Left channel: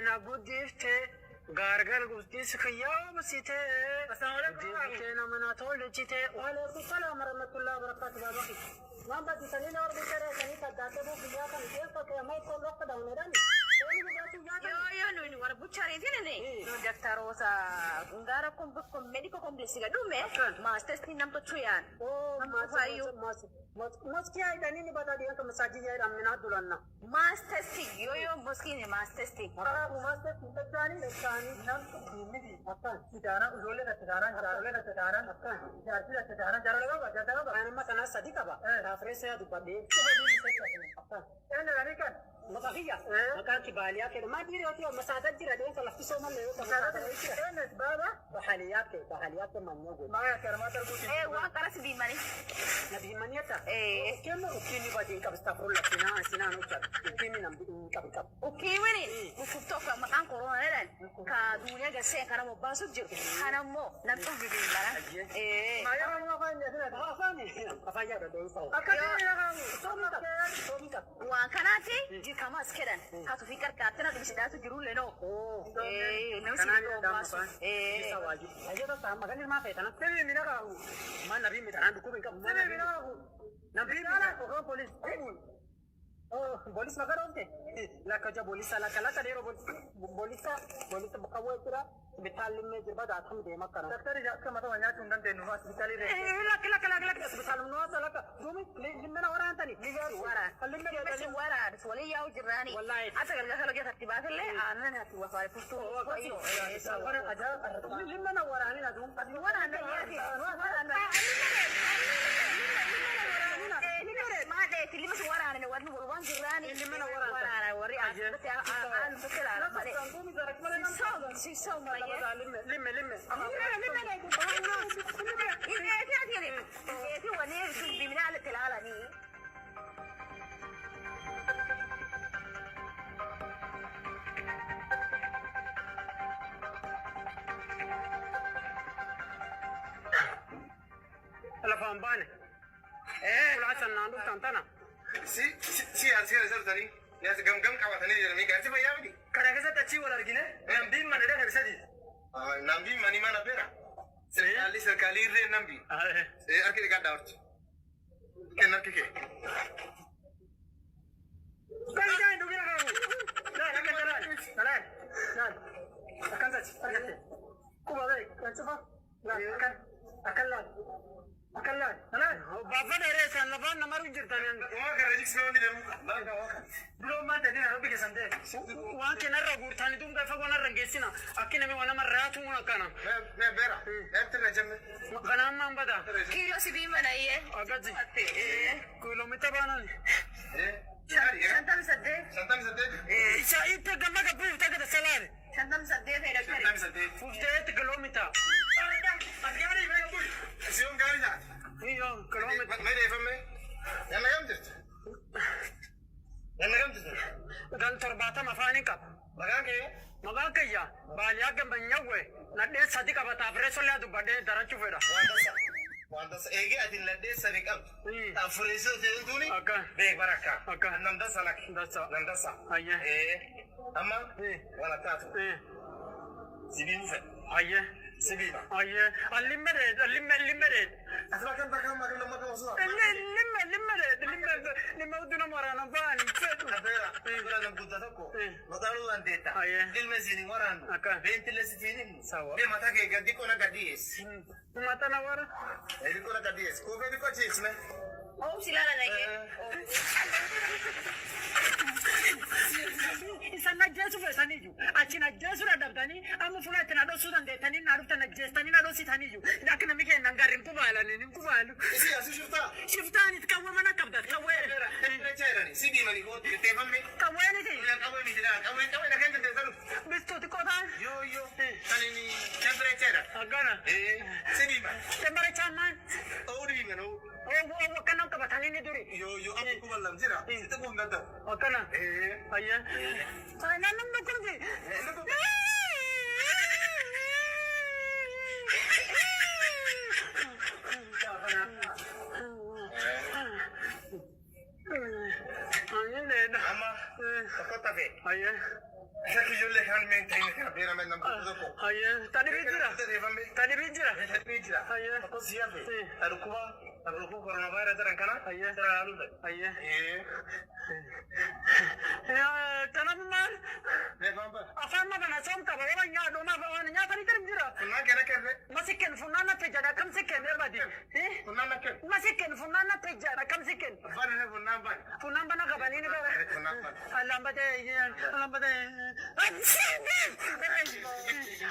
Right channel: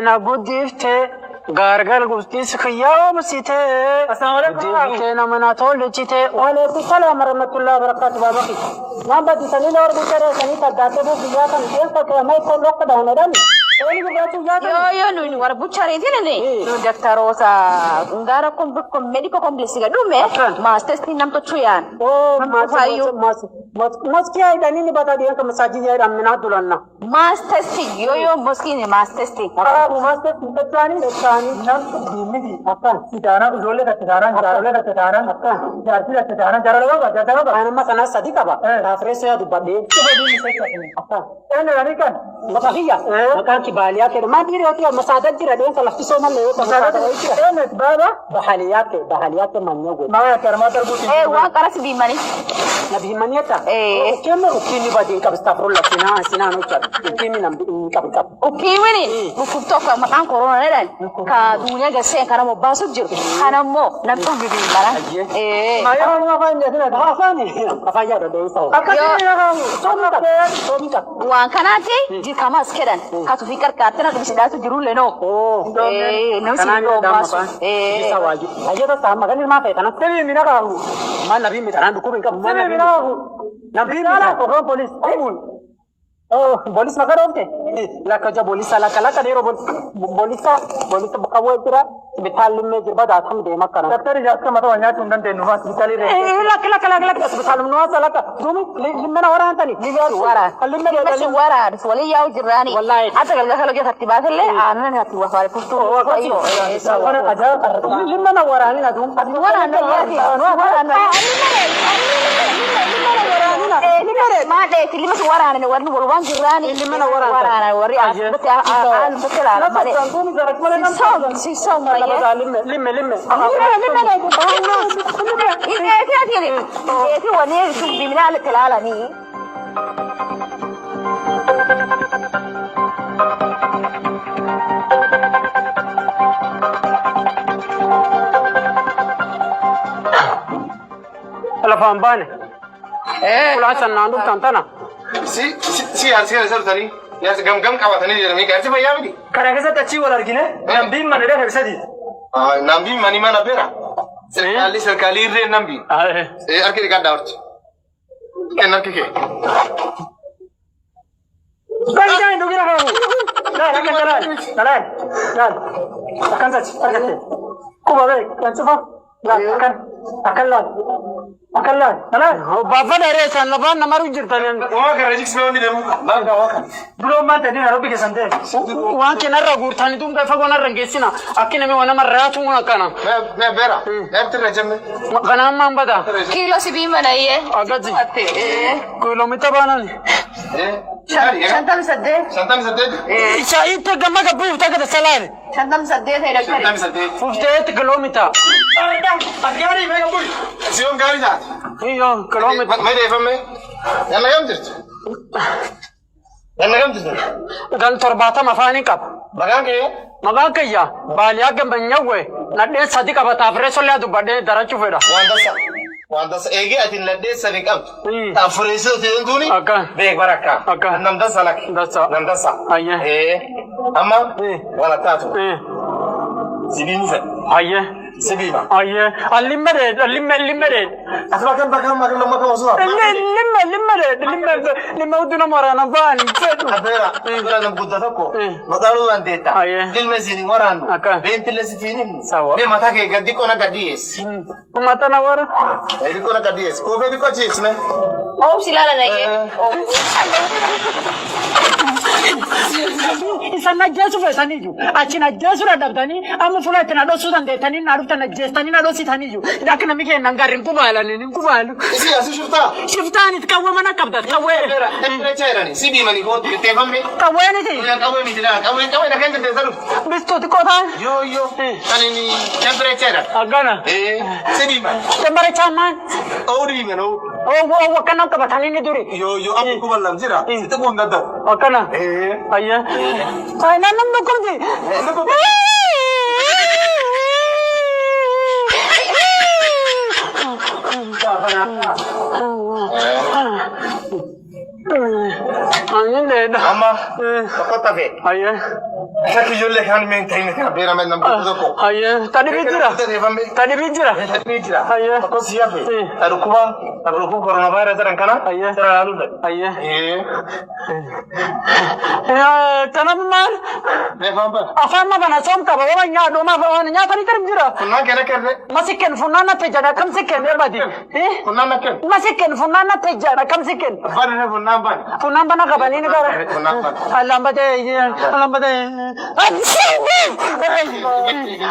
na guddifte gargar gustis khiyam site guddifte na mana tolchite وعليكم السلام ورحمة الله وبركاته بابكي ما بدي سنين اور بيچارے سنين تداتے وہ بیا kan dia ka mai ko lok da hono dan ini juga tu ya yo nu war bucare dine ne tu daktarosa ngara ko medico complex ga dume mas testing nam to chuyan oh mas क्या इधर नहीं बता दिया कि मसाजी है रामनाथ Dulana mas testing yo moski ne mas testing mas testing तचानी नाम दिल्ली अपन सितारा रोले का सितारा अपन जाती का सितारा जरा लगा ana masana sadika ba afreso ya dubade upon ana ranika masahiya makan kibaliyat ma diri yote masadat dira den kala fiso man le masadat ana baba bahaliyat manyogo ma ya karma tarbuti wa karas bi mani nabi maniyata kema ukini badi ka astagfirullah sina no cha ukini nam kap ukini ni mukubto ka makan corona ne dan ka dunia ga sen kana mo basu jir kana mo na to bi mara ma ya ma fa ne na da fa ni fa ya da dai so akati ya ga so mi ka wa kana te ji kama skedan ka tu fikar ka tana ka da su jiru le no no si do mas bisa waji aja to sama kan ma fa kana te mi na ka ma nabi mi tan du ko ka ma nabi mi na ko police oh polis maka rote la ka ja polis ala kala ka dero polis ka wo tira betal me jirba da tham de makana daftar ja ka mata wanya tundan de nuwa bitali re la kala betal nuwa sala ka dumi limna wara antani wara limna wara wala yaw jirani wallahi ata gal kala ke khatti basle anan hatti wa fare pusto wana aja limna wara ni na dum wara na wara na ما ده كلمة ورا أنا ورني والوان جراني اللي من ورا أنا وري بس أنا بتلا لا تنتوني زرق ما لنا سيسوم يا لم إيه في ونير شوف بمنا على كلالة ني ألا فهم بانه كل حسن ناندو تانتنا si tari ya gam kabatani da mi garti bayya midi kare ka ta ciwo largine nambi man da hersadi nambi mani mana bera serkali re nambi arke ka dawrt kenan kike kai dai dogira ha la kan akan saci arkate ko ba bai kan tsufa akan lan baba da re san laban na maru jirtanen wa ka rajik se woni dem ba ka waka bulo ma tadi na robi ke sante wa ke na ragur tani tum ka fago na rangesina akine me wana maratu na kana me bera ertre jamme kana man bada kilo si bi mana ye agaji kilometer banani shantam sadde isa ite gamma ka bu ta ka salare shantam sadde sai da kare 58 kilometer agari me bu Sion gari da. iyo kilometer Me de fame. Yana gamdir. Gal torbata mafani kap. Bagange. Magakaya baliya ke banyawe na de sadi ka bata freso le adu bade darachu fera. Wanda sa ege atin la de sadi kam. Ta freso te nduni. Beg baraka. Nam dasa lak. Nam dasa. Aye. Amma wala tatu. Sibini fa. Aye. Sibiba. Aye. Limmere. Asbakan bakam makam waswa. Limme uduna marana bani. Abera. Abera nam budda ko. Madalu andeta. Dil mesini waranu. Benti lesitini. Sawa. Be mata ke gaddi ko na gaddi es. Mata na wara. Edi ko na gaddi es. Ko be ko chis me. Oh silala na ye. Isa na jesu fe saniju. Achina jesu ra dabdani. Amu fula tena do sudan de tani naru tana jestani na do sitani ju. Dakna mike nangarin kubala ni kubalu. Isi asu Shiftani tkawe mana kabda tkawe. Era chera ni. Sibi mani ko te fammi. Kawe ni ti. Kawe mi tira. Kawe na kende te salu. Bisto ti kota. Yo. Tani ni temperature. Agana. Sibi man. Temperature man. Ori man o. Oh wakana ka batani ni duri. Yo apu ko balam jira. Ita ko ngada. Wakana. Ayya. Ay nanam do kurdi. Angin deh. Amma tokko tafe. Ayah. Saki jolle kan men tayne kan bera men nam ko. Ayah. Tadi bijira. Tadi bijira. Tadi bijira. Ayah. Ko siape. Adukuba coronavirus ran kana. Ayah. Tara lalu. Ayah. Tanam man. Ne famba. Afan ma bana som ka bawa nya do ma bawa nya tadi kan bijira. Kunna kena kerne. Masikin funana tejana kam sikin ya badi. Kunna ken. Masikin funana tejana kam sikin. Bana funna ban. Funana bana ka bani ni kara. Funna ban. Alam bade.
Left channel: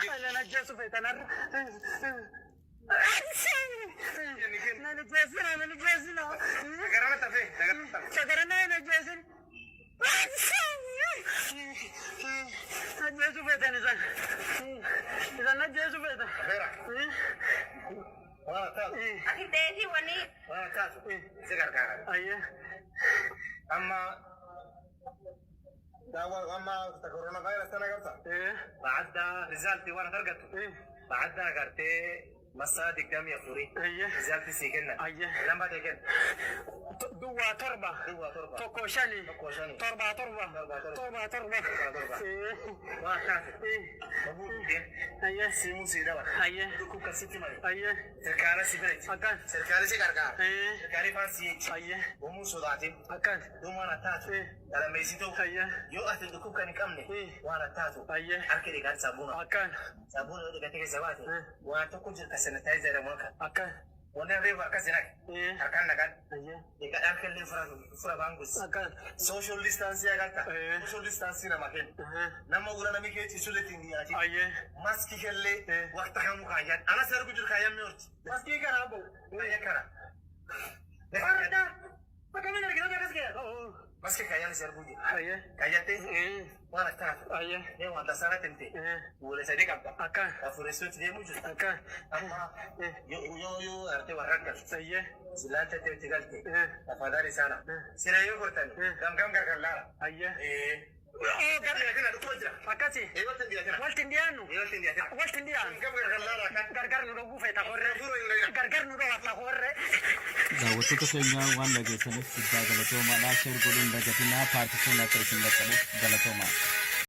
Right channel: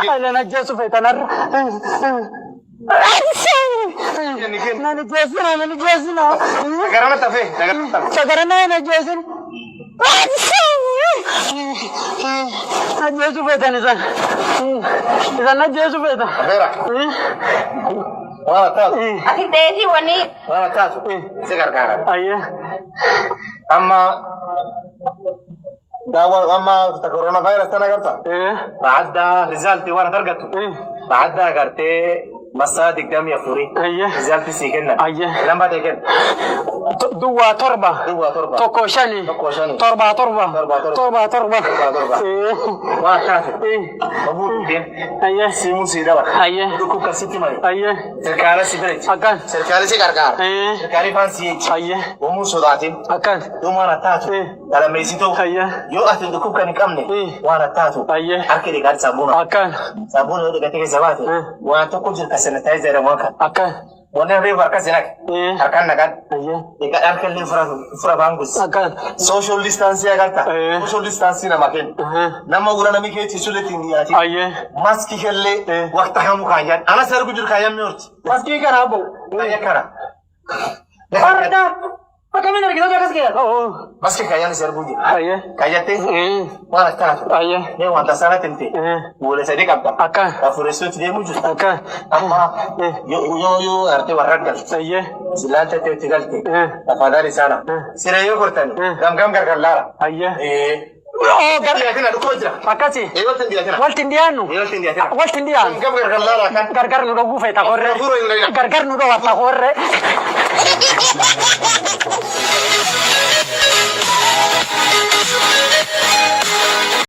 Ala najesufi tanar. Najesufi. Garana tafe. Sagarana najesufi. Najesufi tanisa. Isa najesufi ta. Bera. Wala ta. Ati dehi wani. Wala ta. Segar kara. Ayah. Amma داوا اما كورونا فيروس انا قلت بعد ريزالتي وانا درجته بعد قرتي مصادق دم يا فوري ريزالتي سيكنا لما تكن دوا تربة توكوشاني تربة وكافي ابو دين سيمون سيدوا دوكو كسيتي ماي سركار سيبريت اكن سركار سيكاركار سركاري فانسي ومو سوداتين اكن دوما راتاتو على ميسيتو يو أتن دكوب كان يكمل وانا تاتو أكيد قاعد سابونا سابونا هذا قاعد يزواتي وانا تقول جل كسنتايزر ماكا وانا ريفر كسنك أركان نكان يكاد أركان لي فرا بانغوس social distance يا كاتا social distance نماكين نما ولا نمي كي تسولة تنياتي ماسكي كله وقت هم كايان أنا سرقو جل كايان ميورت ماسكي كرابو يا كرا Pakai mana kita jaga sekian? Maski kayaknya serbuji. Ayah. Kayaknya mana tak? Ayah. Ini wanita sana tente. Boleh saya dekap tak? Akan. Afuresi itu dia mujud. Akan. Apa? Yo arti warat kan? Ayah. Silan tete tinggal te. Apa dari sana? Sira yo kortan. Gam gargar lara. Ayah. Oh, gargar kena dukung aja. Makasih. Waltin dia kena. Waltin dia. Gam gargar lara kan? Gargar nudo gufe tak korre. Gargar nudo tak korre. Thank you.